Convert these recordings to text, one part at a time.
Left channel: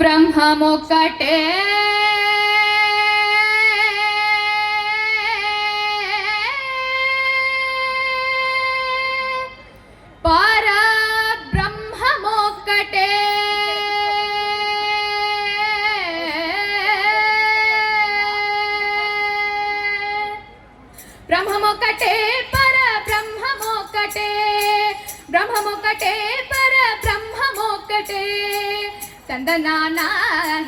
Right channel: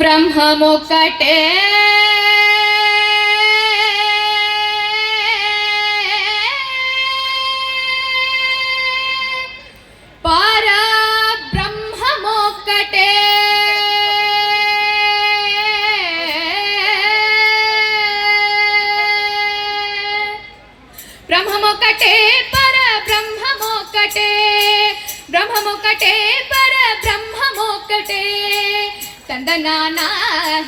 ಬ್ರಹ್ಮಮೊಕ್ಕಟೇ ಪರಬ್ರಹ್ಮಮೊಕ್ಕಟೇ ಬ್ರಹ್ಮಮೊಕ್ಕಟೇ ಪರಬ್ರಹ್ಮಮೊಕ್ಕಟೇ ಬ್ರಹ್ಮಮೊಕ್ಕಟೇ ಪರಬ್ರಹ್ಮಮೊಕ್ಕಟೇ ತಂದನಾನ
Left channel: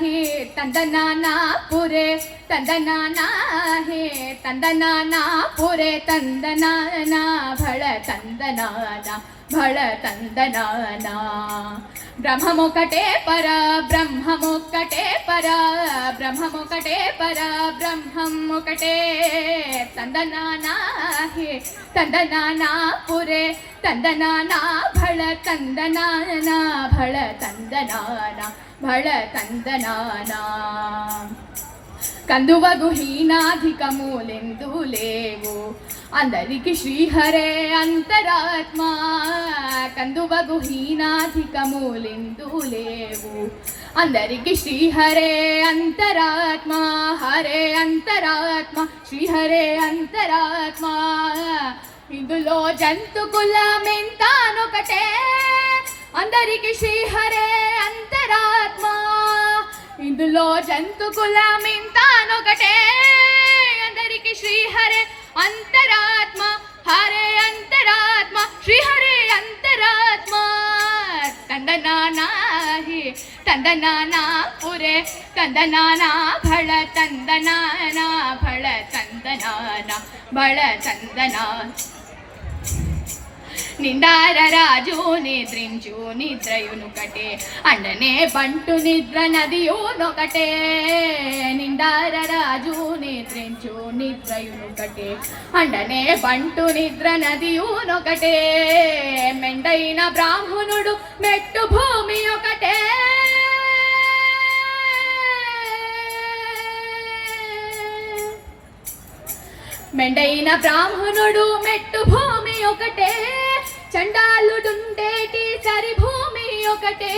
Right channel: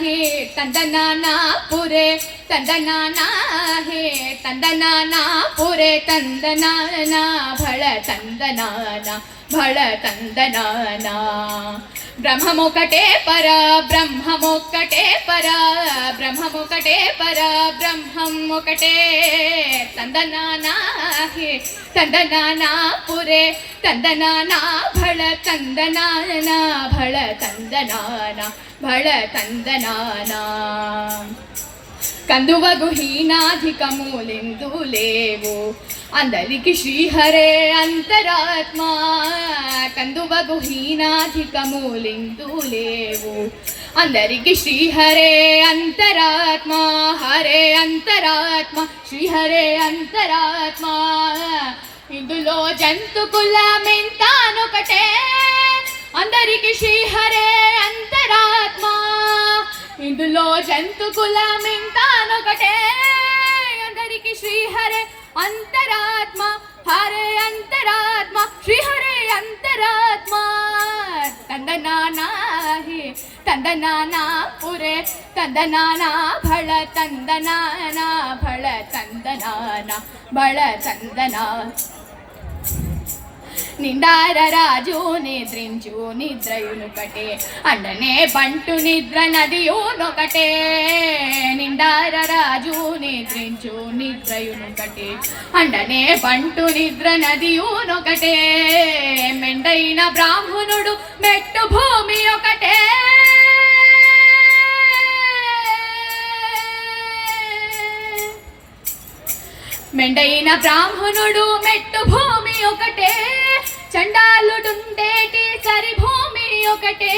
ಹೇ ತಂದನಾನ ಪುರೆ ತಂದನಾನ ಹೇ ತಂದನಾನ ಪುರೆ ತಂದನಾನ ಭಳ ತಂದನಾನ ಭಳ ತಂದನಾನ ಬ್ರಹ್ಮಮೊಕ್ಕಟೇ ಪರ ಬ್ರಹ್ಮಮೊಕ್ಕಟೇ ಪರ ಬ್ರಹ್ಮಮೊಕ್ಕಟೇ ಪರ ಬ್ರಹ್ಮಮೊಕ್ಕಟೇ ತಂದನಾನ ಹೇ ತಂದನಾನ ಪುರೆ ತಂದನಾನ ಭಳ ತಂದನಾನ ಭಳ ತಂದನಾನ ಭಳ ತಂದನಾನ కందువగు హీనాధికములెందు లేవు అందరికి శ్రీహరే అంతరాత్మ కందువగు హీనాధికములెందు లేవు అందరికి శ్రీహరే అంతరాత్మ హరే అంతరాత్మ శ్రీహరే అంతరాత్మ ఇందులో జంతు కులమెంతానొకటే అందరికి శ్రీహరే అంతరాత్మ ఇందులో జంతు కులమెంతానొకటే అందరికి శ్రీహరే అంతరాత్మ హరే అంతరాత్మ శ్రీహరే అంతరాత్మ ತಂದನಾನ ಹೇ ತಂದನಾನ ಪುರೆ ತಂದನಾನ ಭಳ ತಂದನಾನ ಭಳ ತಂದನಾನ ಭಳ ತಂದನಾನ నిందార రాజు నిద్రించు నిద్రయునొకటే అండనే బంటు నిద్ర నదియునొకటే నిందార రాజు నిద్రించు నిద్రయునొకటే అండనే బంటు నిద్ర నదియునొకటే మెండైన బ్రాహ్మణుడు మెట్టు భూమి ఒకటే మెండైన బ్రాహ్మణుడు మెట్టు భూమి ఒకటే చండాలుడుండేటి సరి భూమి ఒకటే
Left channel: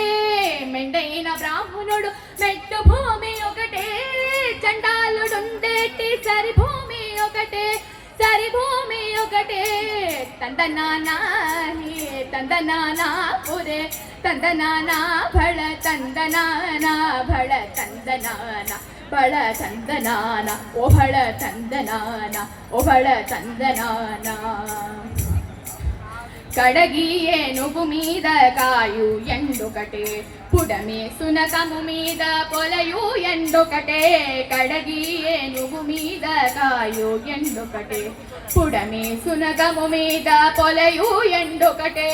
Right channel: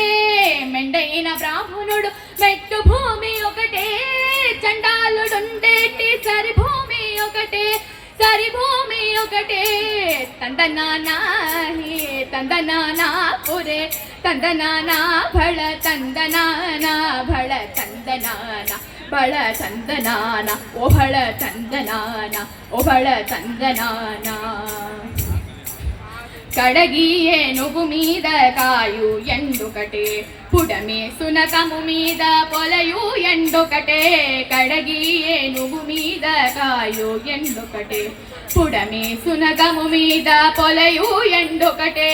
మెండైన బ్రాహ్మణుడు మెట్టు భూమి ఒకటే చండాలుడుండేటి సరి భూమి ఒకటే సరి భూమి ఒకటే ತಂದನಾನ ಹೇ ತಂದನಾನ ಪುರೆ ತಂದನಾನ ಭಳ ತಂದನಾನ ಭಳ ತಂದನಾನ ಭಳ ತಂದನಾನ ಓ ಭಳ ತಂದನಾನ ಓ ಭಳ ತಂದನಾನ కడగి ఏనుగు మీద కాయు ఎండొకటే పుడమే సునకము మీద పొలయు ఎండొకటే కడగి ఏనుగు మీద కాయు ఎండొకటే పుడమే సునకము మీద పొలయు ఎండొకటే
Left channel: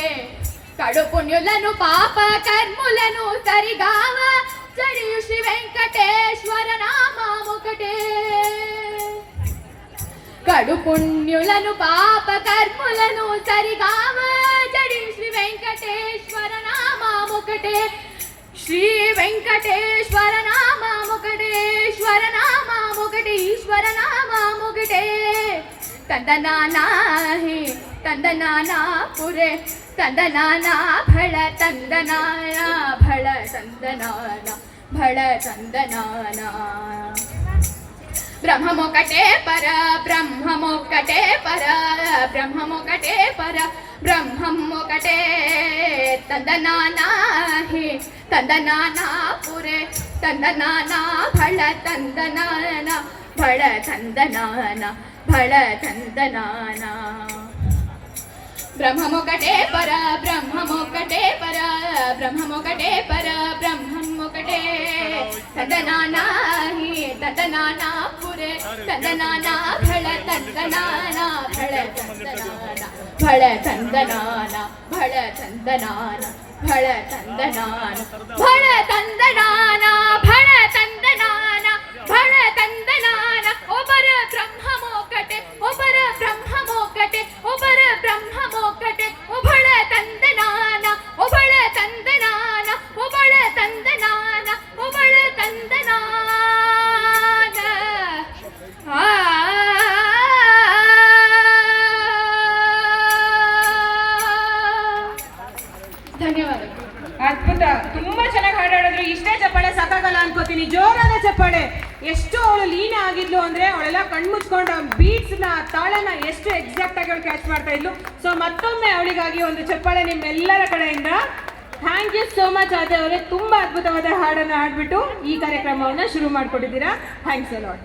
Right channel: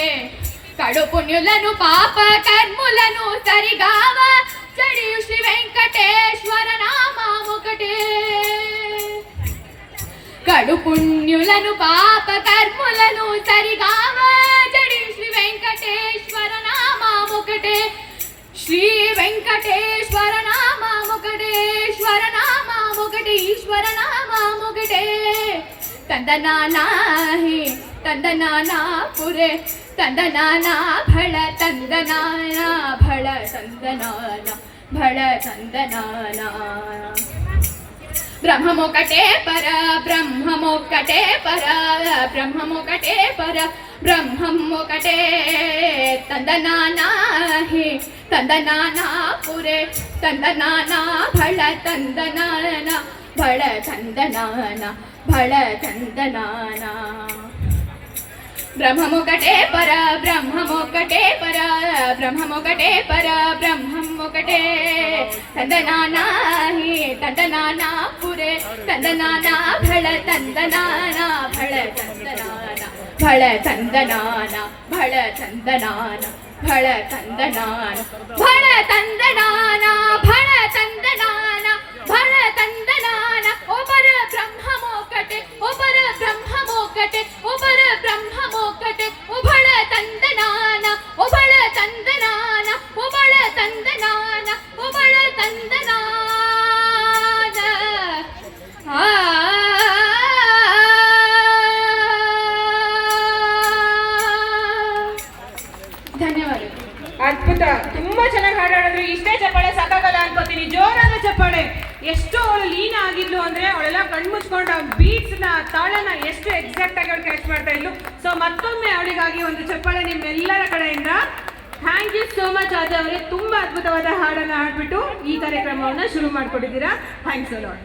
కడు పుణ్యులను పాప కర్ములను సరిగావ చడియు శ్రీ వెంకటేశ్వర నామమొకటే కడు పుణ్యులను పాప కర్ములను సరిగావా జడి శ్రీ వెంకటేశ్వర నామమొకటే శ్రీ వెంకటేశ్వర నామమొకటే ఈశ్వర నామమొకటే ఈశ్వర నామమొకటే ತಂದನಾನ ಹೇ ತಂದನಾನ ಪುರೆ ತಂದನಾನ ಭಳ ತಂದನಾನ ಭಳ ತಂದನಾನ ಭಳ ತಂದನಾನ ಬ್ರಹ್ಮಮೊಕ್ಕಟೇ ಪರ ಬ್ರಹ್ಮಮೊಕ್ಕಟೇ ಪರ ಬ್ರಹ್ಮಮೊಕ್ಕಟೇ ಪರ ಬ್ರಹ್ಮಮೊಕ್ಕಟೇ ತಂದನಾನ ಹೇ ತಂದನಾನ ಪುರೆ ತಂದನಾನ ಭಳ ತಂದನಾನ ಭಳ ತಂದನಾನ ಭಳ ತಂದನಾನ ಬ್ರಹ್ಮಮೊಕ್ಕಟೇ ಪರ ಬ್ರಹ್ಮಮೊಕ್ಕಟೇ ಪರ ಬ್ರಹ್ಮಮೊಕ್ಕಟೇ ಪರ ಬ್ರಹ್ಮಮೊಕ್ಕಟೇ ತಂದನಾನ ಹೇ ತಂದನಾನ ಪುರೆ ತಂದನಾನ ಭಳ ತಂದನಾನ ಭಳ ತಂದನಾನ ಭಳ ತಂದನಾನ ಭಳ ತಂದನಾನ ಭಳ ತಂದನಾನ ಭಳ ತಂದನಾನ ಭಳ ತಂದನಾನ ಭಳ ತಂದನಾನ ಒಬ್ಬರ ಬ್ರಹ್ಮಮೊಕ್ಕಟೇ ಒಬ್ಬರ ಬ್ರಹ್ಮಮೊಕ್ಕಟೇ ಒಬ್ಬರ ಬ್ರಹ್ಮಮೊಕ್ಕಟೇ ಒಬ್ಬಳ ತಂದನಾನ ಒಬ್ಬಳ ತಂದನಾನ ಒಬ್ಬಳ ತಂದನಾನ ಒಬ್ಬಳ ತಂದನಾನ ಧನ್ಯವಾದ. ಅದ್ಭುತ, ತುಂಬಾ ಚೆನ್ನಾಗಿ ಹಾಡಾಡಿದ್ರು. ಇಷ್ಟೇ ಚಪ್ಪಾಳೆ ಸಾಕ. ಮಾಡ್ಕೊಡ್ತೀನಿ. ಜೋರಾದ ಚಪ್ಪಾಳೆ. ಎಷ್ಟು ಅವಳು ಲೀನ ಆಗಿದ್ಲು ಅಂದ್ರೆ ಅವಳೆಲ್ಲ ಕಣ್ಮುಚ್ಕೊಂಡು ಬೀಟ್ಸ್ ನ ತಾಳನ ಎಷ್ಟು ಎಕ್ಸಾಕ್ಟ್ ಆಗಿ ಅವಳು ಕ್ಯಾಚ್ ಮಾಡ್ತಾ ಇದ್ಲು. ಸೊ ಮತ್ತೊಮ್ಮೆ ಅವಳಿಗಾಗಿ ಒಂದು ಚಪ್ಪಾಳೆ ನಿಮ್ಮೆಲ್ಲರ ಕಡೆಯಿಂದ. ಥ್ಯಾಂಕ್ ಯು ಸೋ ಮಚ್ ಆದ ಅವರೇ, ತುಂಬಾ ಅದ್ಭುತವಾದ ಹಾಡನ್ನ ಹಾಡ್ಬಿಟ್ಟು ಈ ಕಾರ್ಯಕ್ರಮವನ್ನ ಶುರು ಮಾಡ್ಕೊಟ್ಟಿದ್ದೀರಾ. Thanks a lot.